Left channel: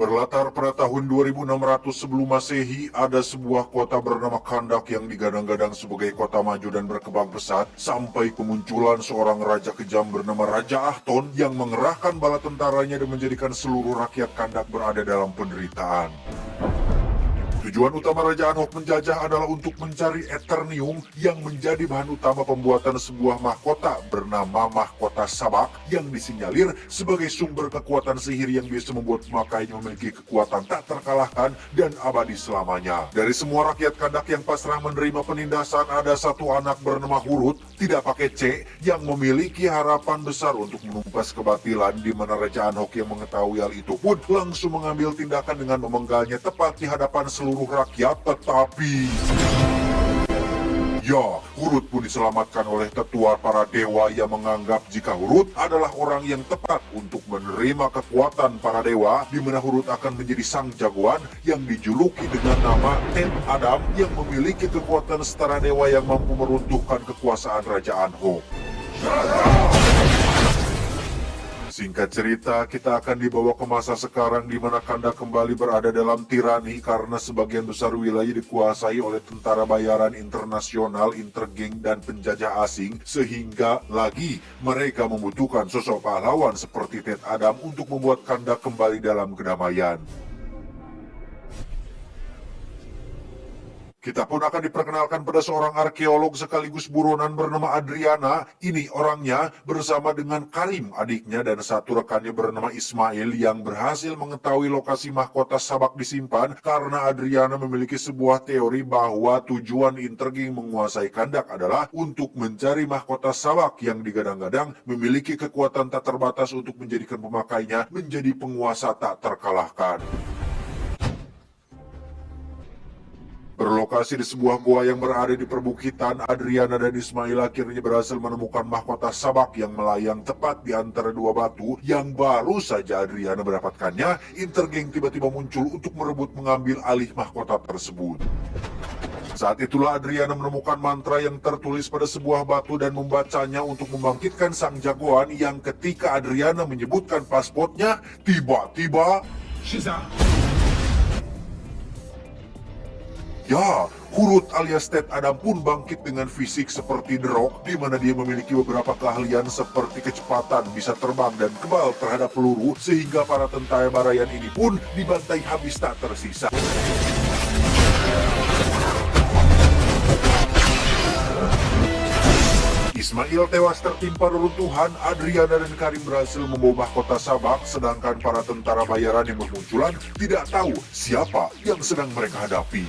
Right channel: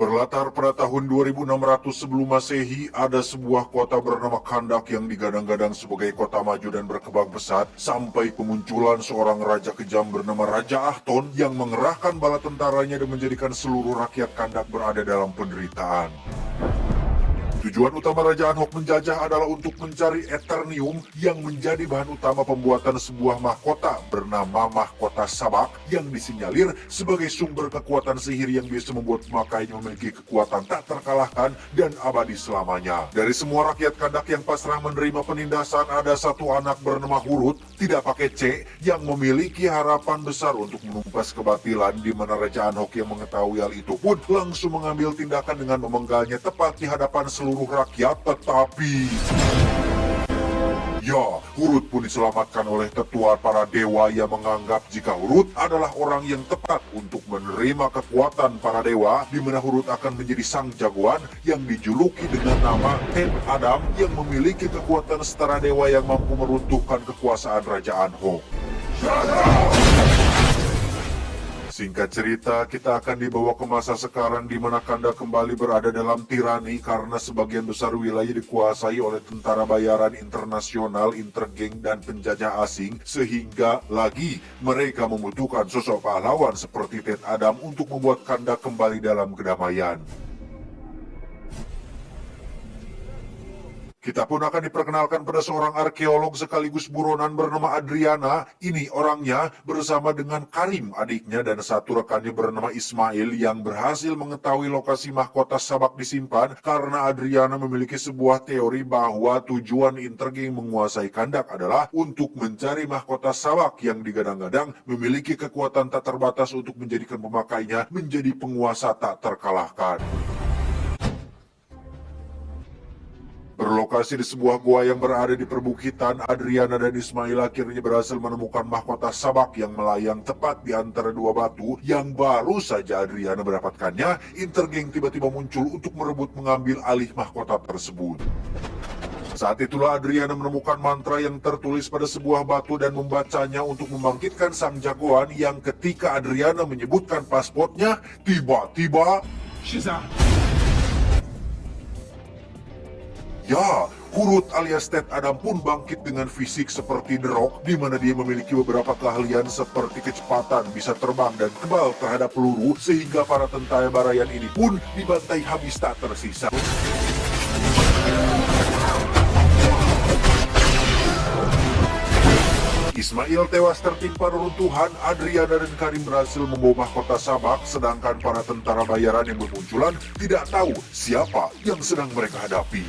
Berlatar pada tahun 2600 sebelum Masehi, ada sebuah kota bernama Kandak yang digadang-gadang sebagai kota maju dan berkembang pesat sampai kemunculan seorang raja kejam bernama Raja Ahton yang mengerahkan bala tentaranya dan menjadikan seluruh rakyat Kandak berada dalam penderitaan. Tujuan utama Raja Anhok menjajah adalah untuk mencari Eternium yang menjadi bahan utama pembuatan sebuah mahkota bernama Mahkota Sabak yang disinyalir sebagai sumber kekuatan sihir yang bisa membuat pemakainya memiliki kekuatan tak terkalahkan dan abadi selamanya. Dari semua rakyat Kandak yang pasrah menerima penindasan, ada satu anak bernama Hurut, tidak pakai C, yang memiliki harapan besar untuk menumpas kebatilan, di mana Raja Anhok yang mengetahui hal itu pun langsung mengambil tindakan dengan memenggalnya tepat di hadapan seluruh rakyat, tetapi Hurut pun diselamatkan oleh tetua para dewa yang menganggap jika Hurut adalah orang yang tepat untuk menerima kekuatan para dewa, di mana Hurut akan menjadi sang jagoan yang dijuluki dengan nama Ted Adam yang memiliki kekuatan setara dewa yang mampu meruntuhkan kekuasaan Raja Anhok. Singkat cerita, kita akan dibawa ke masa sekarang di mana Kandak kembali berada dalam tirani karena sebagian besar wilayah dikuasai oleh tentara bayaran internasional, intergeng, dan penjajah asing, sehingga lagi mereka membutuhkan sosok pahlawan seperti Ted Adam untuk membuat Kandak kembali dalam kedamaian. Kita pun akan diperkenalkan pada seorang arkeolog sekaligus buronan bernama Adriana. Ini orangnya bersama dengan Karim, adiknya, dan satu rekannya bernama Ismail yang berhasil mengetahui lokasi mahkota Sabak disimpan karena Adriana memiliki sebuah teori bahwa tujuan intergeng menguasai Kandak adalah untuk mencari mahkota Sabak yang digadang-gadang memiliki kekuatan tak terbatas untuk menjadikan pemakainya menjadi penguasa tak terkalahkan. Berlokasi di sebuah gua yang berada di perbukitan, Adriana dan Ismail akhirnya berhasil menemukan mahkota Sabak yang melayang tepat di antara dua batu. Yang baru saja Adriana mendapatkannya, intergeng tiba-tiba muncul untuk merebut mengambil alih mahkota tersebut. Saat itulah Adriana menemukan mantra yang tertulis pada sebuah batu dan membacanya untuk membangkitkan sang jagoan, yang ketika Adriana menyebutkan pasportnya, tiba-tiba Hurut alias Ted Adam pun bangkit dengan fisik seperti The Rock, di mana dia memiliki beberapa keahlian seperti kecepatan, bisa terbang, dan kebal terhadap peluru, sehingga para tentara barayan ini pun dibantai habis tak tersisa. Ismail tewas tertimpa reruntuhan. Adriana dan Karim berhasil membawa mahkota Sabak, sedangkan para tentara bayaran yang bermunculan tidak tahu siapa yang sedang mereka hadapi.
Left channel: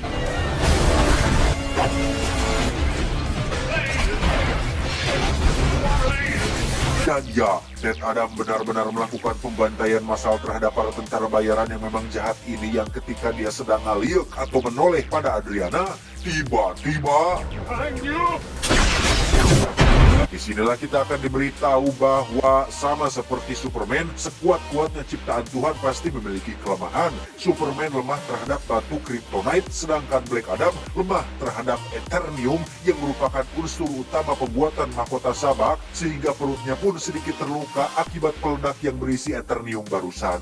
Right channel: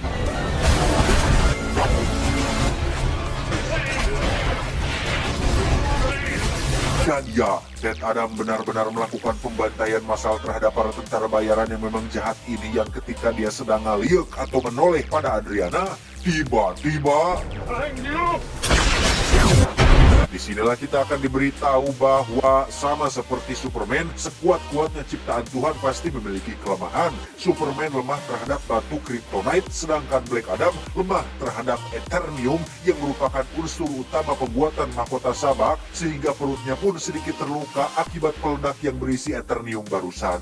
Dan Ted Adam benar-benar melakukan pembantaian massal terhadap para tentara bayaran yang memang jahat ini, yang ketika dia sedang ngaliuk atau menoleh pada Adriana, tiba-tiba disinilah kita akan diberitahu bahwa sama seperti Superman, sekuat-kuatnya ciptaan Tuhan pasti memiliki kelemahan. Superman lemah terhadap batu kryptonite, sedangkan Black Adam lemah terhadap Eternium yang merupakan unsur utama pembuatan mahkota Sabak, sehingga perutnya pun sedikit terluka akibat peledak yang berisi Eternium barusan.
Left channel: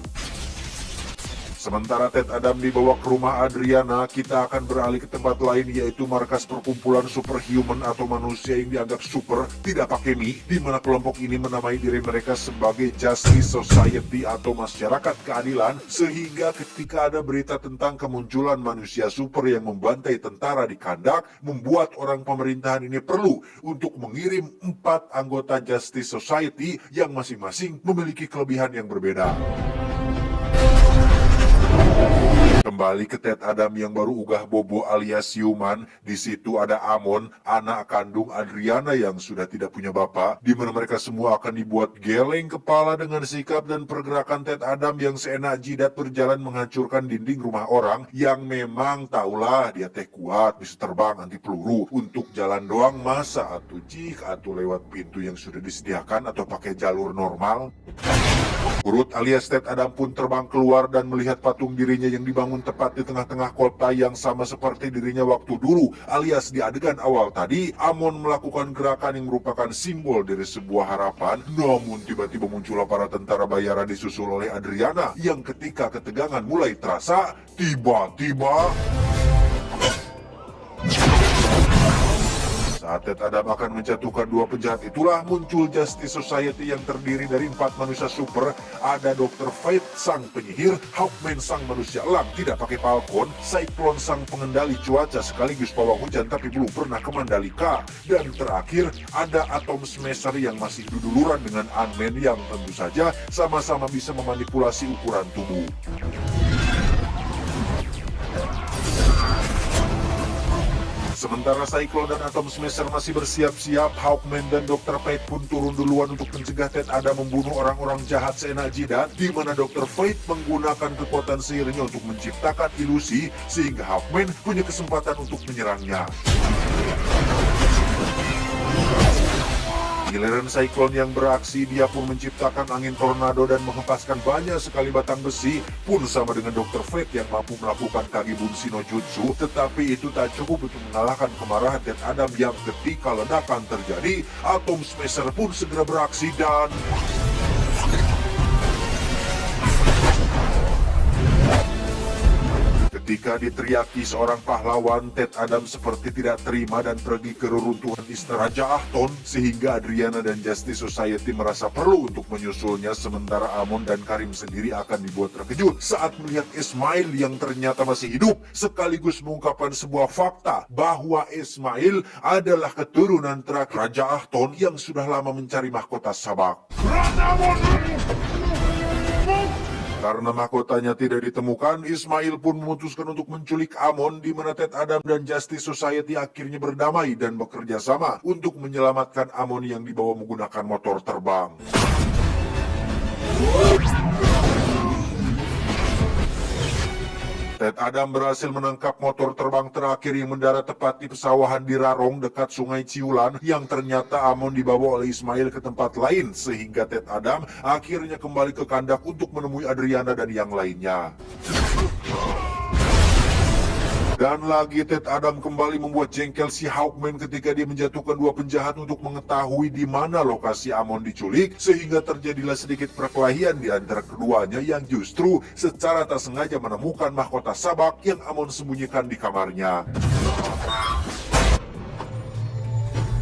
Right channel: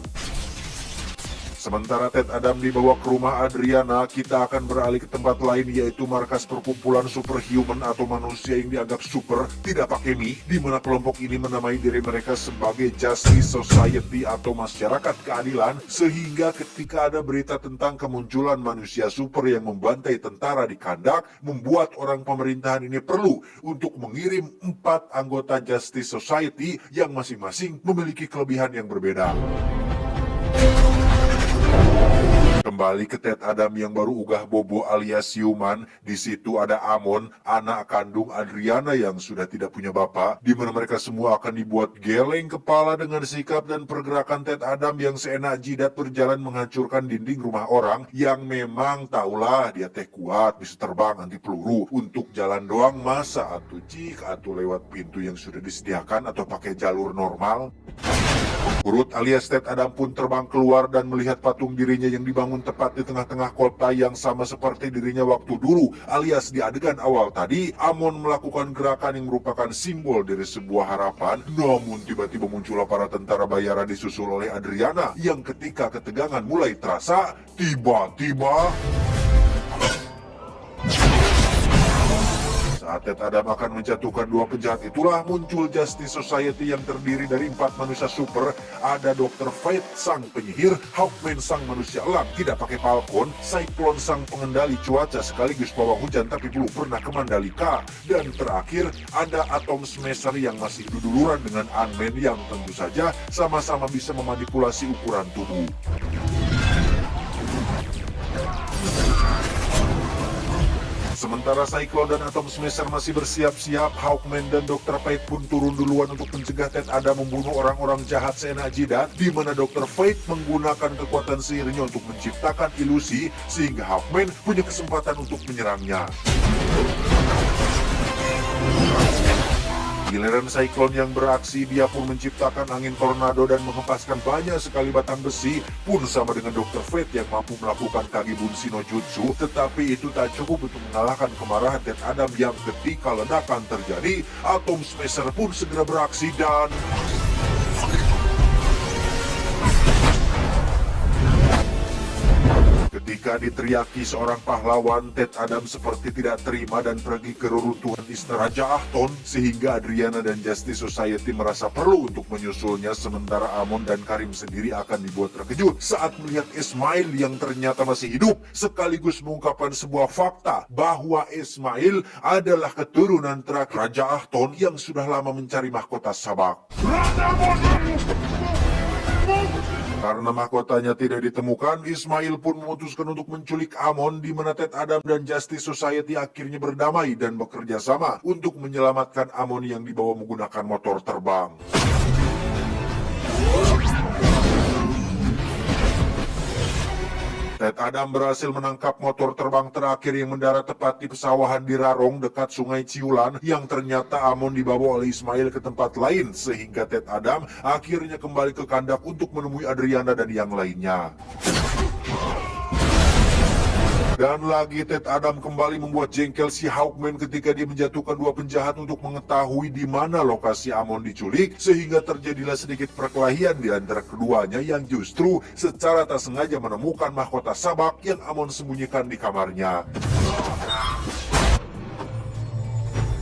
Sementara Ted Adam dibawa ke rumah Adriana, kita akan beralih ke tempat lain, yaitu markas perkumpulan superhuman atau manusia yang dianggap super, tidak pakai mie, di mana kelompok ini menamai diri mereka sebagai Justice Society atau masyarakat keadilan, sehingga ketika ada berita tentang kemunculan manusia super yang membantai tentara di Kandak, membuat orang pemerintahan ini perlu untuk mengirim 4 anggota Justice Society yang masing-masing memiliki kelebihan yang berbeda. Kembali ke Ted Adam yang baru ugah bobo alias siuman. Di situ ada Amon, anak kandung Adriana yang sudah tidak punya bapak, di mana mereka semua akan dibuat geleng kepala dengan sikap dan pergerakan Ted Adam yang seenak jidat berjalan menghancurkan dinding rumah orang yang memang tahulah dia teh kuat, bisa terbang anti peluru. Untuk jalan doang masa atau lewat pintu yang sudah disediakan atau pakai jalur normal. Hurut alias Ted Adam pun terbang keluar dan melihat patung dirinya yang dibangun tepat di tengah-tengah kota yang sama seperti dirinya waktu dulu, alias di adegan awal tadi. Amon melakukan gerakan yang merupakan simbol dari sebuah harapan, namun tiba-tiba muncullah para tentara bayaran disusul oleh Adriana yang ketika ketegangan mulai terasa, tiba-tiba saat Ted Adam akan menjatuhkan dua penjahat itulah muncul Justice Society yang terdiri dari 4 manusia super. Ada Dr. Fate sang penyihir, Hawkman sang manusia elang tidak pakai falcon, Cyclone sang pengendali cuaca sekaligus pawang hujan tapi belum pernah ke Mandalika, dan terakhir ada Atom Smasher yang masih duduluran dengan Ant-Man yang tentu saja sama-sama bisa memanipulasi ukuran tubuh. Sementara Cyclone dan Atom Smasher masih bersiap-siap, Hawkman dan Dr. Fate pun turun duluan untuk mencegah Ted Adam membunuh orang-orang jahat seenak jidat, di mana Dr. Fate menggunakan kekuatan sihirnya untuk menciptakan ilusi sehingga Hawkman punya kesempatan untuk menyerangnya. Giliran Cyclone yang beraksi, dia pun menciptakan angin tornado dan menghempaskan banyak sekali batang besi, pun sama dengan Dr. Fate yang mampu melakukan Kagebunshi no Jutsu. Tetapi itu tak cukup untuk mengalahkan kemarahan Ted Adam yang ketika ledakan terjadi, Atom Smasher pun segera beraksi dan ketika diteriaki seorang pahlawan, Ted Adam seperti tidak terima dan pergi ke reruntuhan istana Raja Ahton, sehingga Adriana dan Justice Society merasa perlu untuk menyusulnya, sementara Amon dan Karim sendiri akan dibuat terkejut saat melihat Ismail yang ternyata masih hidup, sekaligus mengungkapkan sebuah fakta bahwa Ismail adalah keturunan terakhir Raja Ahton yang sudah lama mencari mahkota Sabak. Karena mahkotanya tidak ditemukan, Ismail pun memutuskan untuk menculik Amon, di mana Ted Adam dan Justice Society akhirnya berdamai dan bekerja sama untuk menyelamatkan Amon yang dibawa menggunakan motor terbang. Ted Adam berhasil menangkap motor terbang terakhir yang mendarat tepat di pesawahan di Rarong dekat Sungai Ciulan, yang ternyata Amon dibawa oleh Ismail ke tempat lain, sehingga Ted Adam akhirnya kembali ke kandang untuk menemui Adriana dan yang lainnya. Dan lagi Ted Adam kembali membuat jengkel si Hawkman ketika dia menjatuhkan dua penjahat untuk mengetahui di mana lokasi Amon diculik, sehingga terjadilah sedikit perkelahian di antara keduanya yang justru secara tak sengaja menemukan mahkota Sabak yang Amon sembunyikan di kamarnya.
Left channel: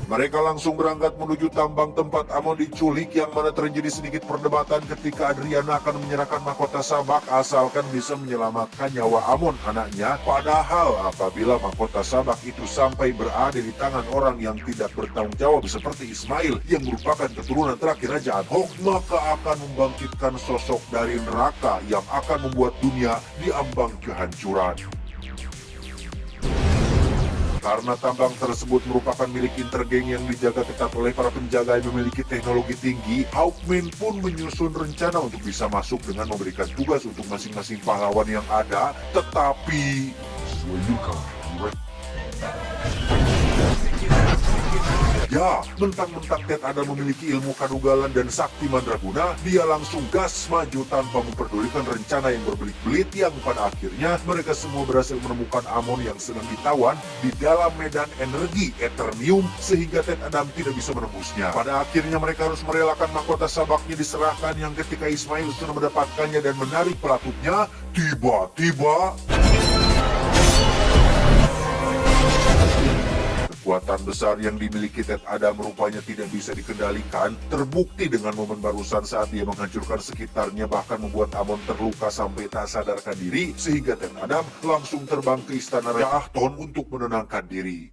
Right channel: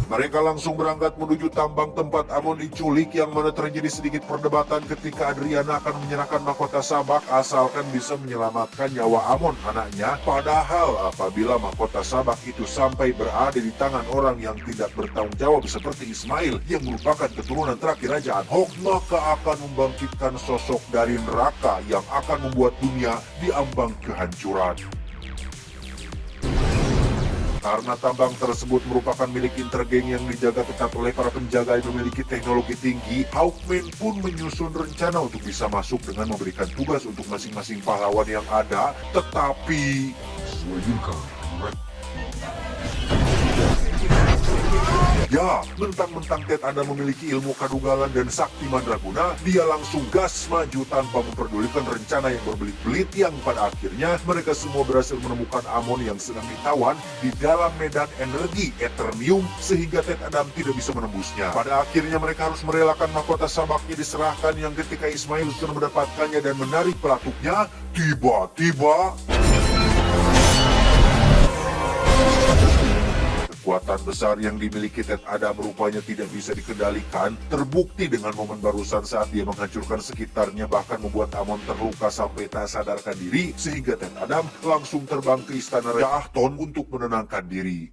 Mereka langsung berangkat menuju tambang tempat Amon diculik, yang mana terjadi sedikit perdebatan ketika Adriana akan menyerahkan mahkota Sabak asalkan bisa menyelamatkan nyawa Amon anaknya. Padahal apabila mahkota Sabak itu sampai berada di tangan orang yang tidak bertanggung jawab seperti Ismail yang merupakan keturunan terakhir Raja Ahton, maka akan membangkitkan sosok dari neraka yang akan membuat dunia diambang kehancuran. Karena tambang tersebut merupakan milik Intergang yang dijaga ketat oleh para penjaga yang memiliki teknologi tinggi, Hawkman pun menyusun rencana untuk bisa masuk dengan memberikan tugas untuk masing-masing pahlawan yang ada, tetapi ya, mentang-mentang Ted Adam memiliki ilmu kadugalan dan sakti mandraguna, dia langsung gas maju tanpa memperdulikan rencana yang berbelit-belit, yang pada akhirnya mereka semua berhasil menemukan Amon yang sedang ditawan di dalam medan energi Eternium, sehingga Ted Adam tidak bisa menembusnya. Pada akhirnya mereka harus merelakan mahkota Sabaknya diserahkan, yang ketika Ismail sudah mendapatkannya dan menarik pelapuknya, tiba-tiba kekuatan besar yang dimiliki Ted Adam rupanya tidak bisa dikendalikan, terbukti dengan momen barusan saat dia menghancurkan sekitarnya, bahkan membuat Amon terluka sampai tak sadarkan diri, sehingga Ted Adam langsung terbang ke istana Raja Ahton untuk menenangkan diri.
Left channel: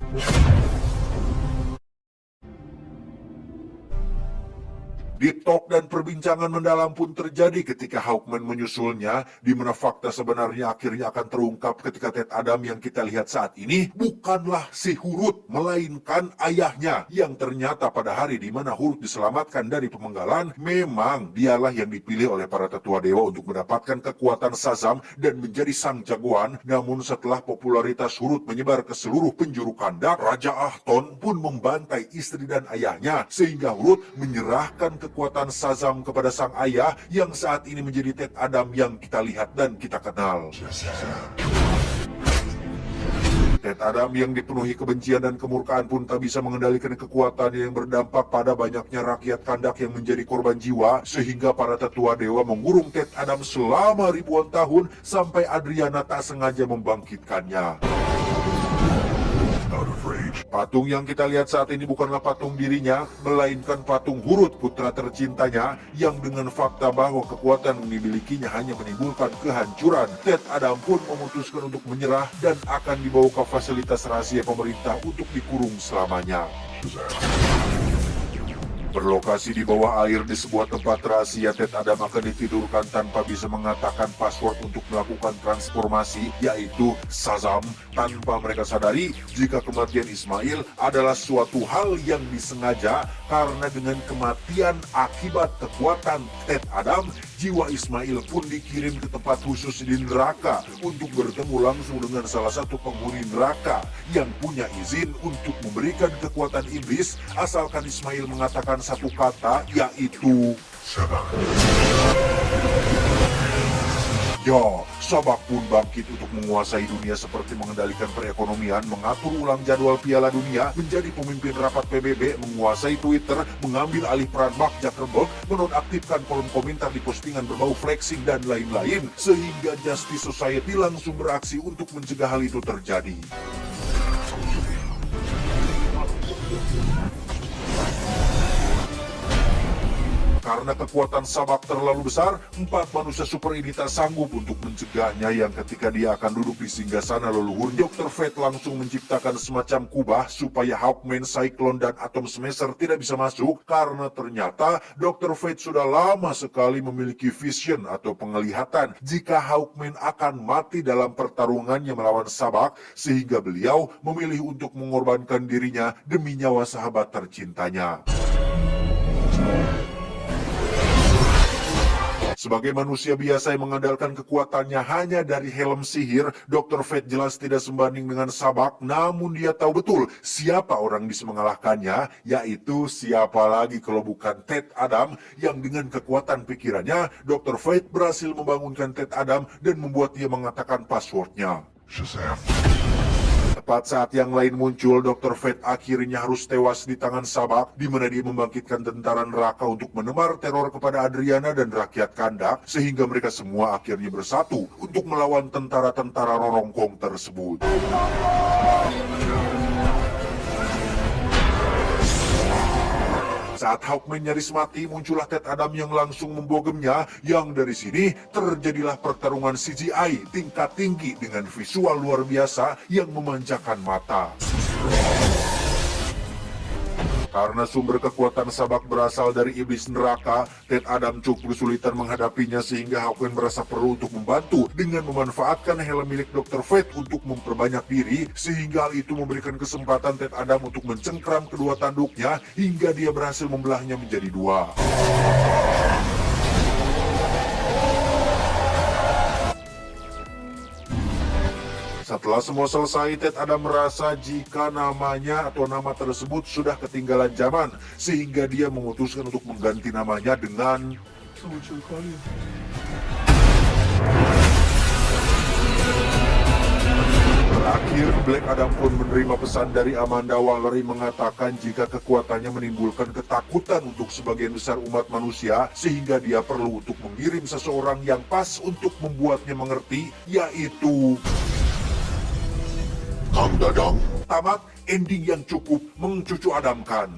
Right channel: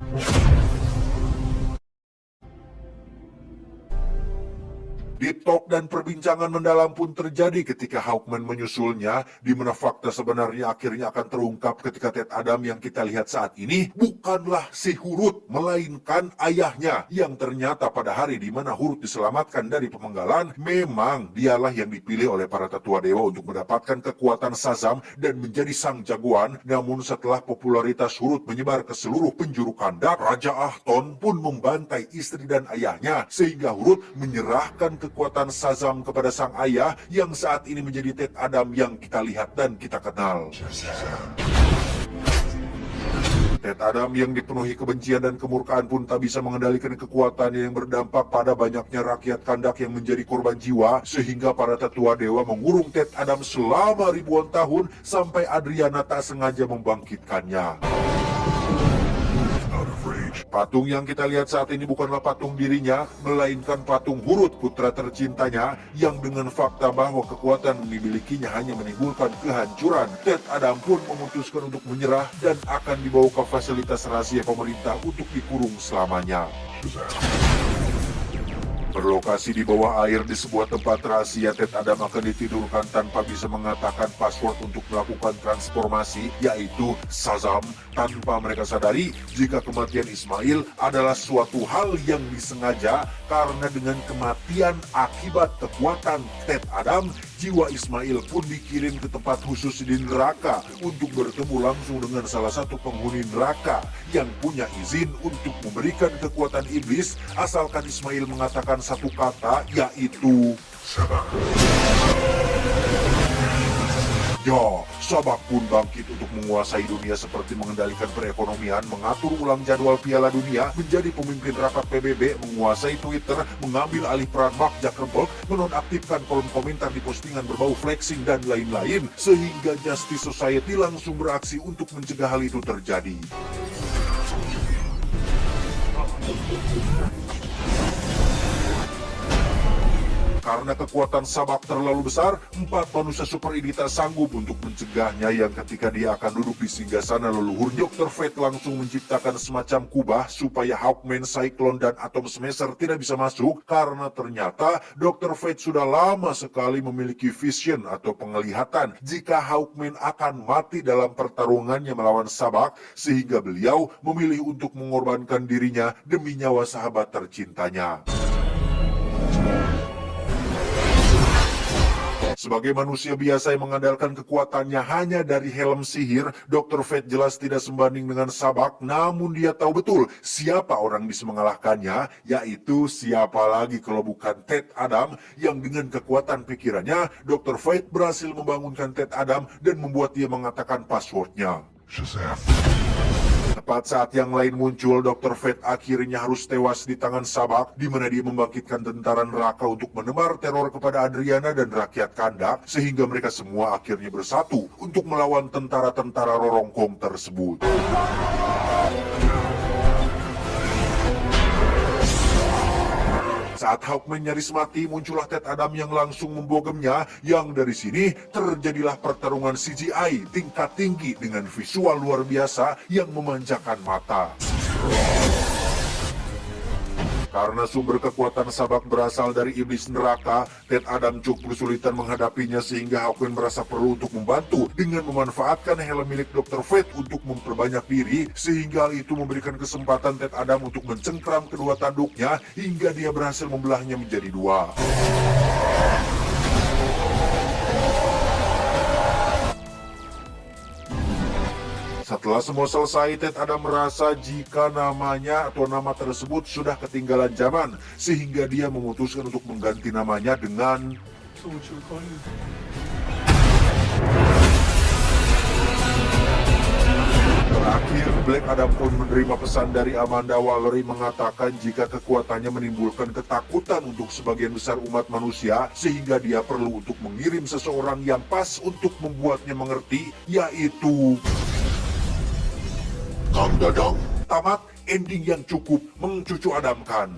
Deep talk dan perbincangan mendalam pun terjadi ketika Hawkman menyusulnya, di mana fakta sebenarnya akhirnya akan terungkap ketika Ted Adam yang kita lihat saat ini bukanlah si Hurut, melainkan ayahnya, yang ternyata pada hari di mana Hurut diselamatkan dari pemenggalan, memang dialah yang dipilih oleh para tetua dewa untuk mendapatkan kekuatan Shazam dan menjadi sang jagoan. Namun setelah popularitas Hurut menyebar ke seluruh penjuru kandak, Raja Ahton pun membantai istri dan ayahnya, sehingga Hurut menyerahkan kekuatan Shazam kepada sang ayah yang saat ini menjadi Ted Adam yang kita lihat dan kita kenal. Ted Adam yang dipenuhi kebencian dan kemurkaan pun tak bisa mengendalikan kekuatannya yang berdampak pada banyaknya rakyat Kandak yang menjadi korban jiwa, sehingga para tetua dewa mengurung Ted Adam selama ribuan tahun sampai Adriana tak sengaja membangkitkannya. Patung yang kita lihat saat ini bukanlah patung dirinya, melainkan patung Hurut, putra tercintanya, yang dengan fakta bahwa kekuatan yang dimilikinya hanya menimbulkan kehancuran. Ted Adam pun memutuskan untuk menyerah dan akan dibawa ke fasilitas rahasia pemerintah untuk dikurung selamanya. Berlokasi di bawah air di sebuah tempat rahasia, Ted Adam akan ditidurkan tanpa bisa mengatakan password untuk melakukan transformasi, yaitu Shazam, tanpa mereka sadari jika kematian Ismail adalah suatu hal yang disengaja, karena dengan kematian akibat kekuatan Ted Adam, jiwa Ismail pun dikirim ke tempat khusus di neraka untuk bertemu langsung dengan salah satu penghuni neraka yang punya izin untuk memberikan kekuatan iblis asalkan Ismail mengatakan satu kata, yaitu Sabak. Ya, Sabak pun bangkit untuk menguasai dunia seperti mengendalikan perekonomian, mengatur ulang jadwal Piala Dunia, menjadi pemimpin rapat PBB, menguasai Twitter, mengambil alih peran Mark Zuckerberg, menonaktifkan kolom komentar di postingan berbau flexing dan lain-lain, sehingga Justice Society langsung beraksi untuk mencegah hal itu terjadi. Karena kekuatan Sabak terlalu besar, 4 manusia super ini tak sanggup untuk mencegahnya, yang ketika dia akan duduk di singgasana leluhur, Dr. Fate langsung menciptakan semacam kubah supaya Hawkman, Cyclone, dan Atom Smasher tidak bisa masuk, karena ternyata Dr. Fate sudah lama sekali memiliki vision atau penglihatan jika Hawkman akan mati dalam pertarungannya melawan Sabak, sehingga beliau memilih untuk mengorbankan dirinya demi nyawa sahabat tercintanya. Sebagai manusia biasa yang mengandalkan kekuatannya hanya dari helm sihir, Dr. Fate jelas tidak sebanding dengan Sabak, namun dia tahu betul siapa orang bisa mengalahkannya, yaitu siapa lagi kalau bukan Ted Adam, yang dengan kekuatan pikirannya, Dr. Fate berhasil membangunkan Ted Adam dan membuat dia mengatakan passwordnya. Shazam. Tepat saat yang lain muncul, Dr. Fate akhirnya harus tewas di tangan Sabak, di mana dia membangkitkan tentara neraka untuk menebar teror kepada Adriana dan rakyat Kandak, sehingga mereka semua akhirnya bersatu untuk melawan tentara-tentara Rorongkong tersebut. Saat Hawkman nyaris mati, muncullah Ted Adam yang langsung membogemnya, yang dari sini terjadilah pertarungan CGI tingkat tinggi dengan visual luar biasa yang memanjakan mata. Karena sumber kekuatan Sabak berasal dari iblis neraka, Ted Adam cukup kesulitan menghadapinya, sehingga Hawkman merasa perlu untuk membantu dengan memanfaatkan helm milik Dr. Fate untuk memperbanyak diri, sehingga hal itu memberikan kesempatan Ted Adam untuk mencengkram kedua tanduknya hingga dia berhasil membelahnya menjadi 2. Setelah semua selesai, Ted Adam merasa jika namanya atau nama tersebut sudah ketinggalan zaman, sehingga dia memutuskan untuk mengganti namanya dengan Terakhir, Black Adam pun menerima pesan dari Amanda Wallery mengatakan jika kekuatannya menimbulkan ketakutan untuk sebagian besar umat manusia, sehingga dia perlu untuk mengirim seseorang yang pas untuk membuatnya mengerti, yaitu Kang Dadang. Tamat ending yang cukup mencucu adamkan.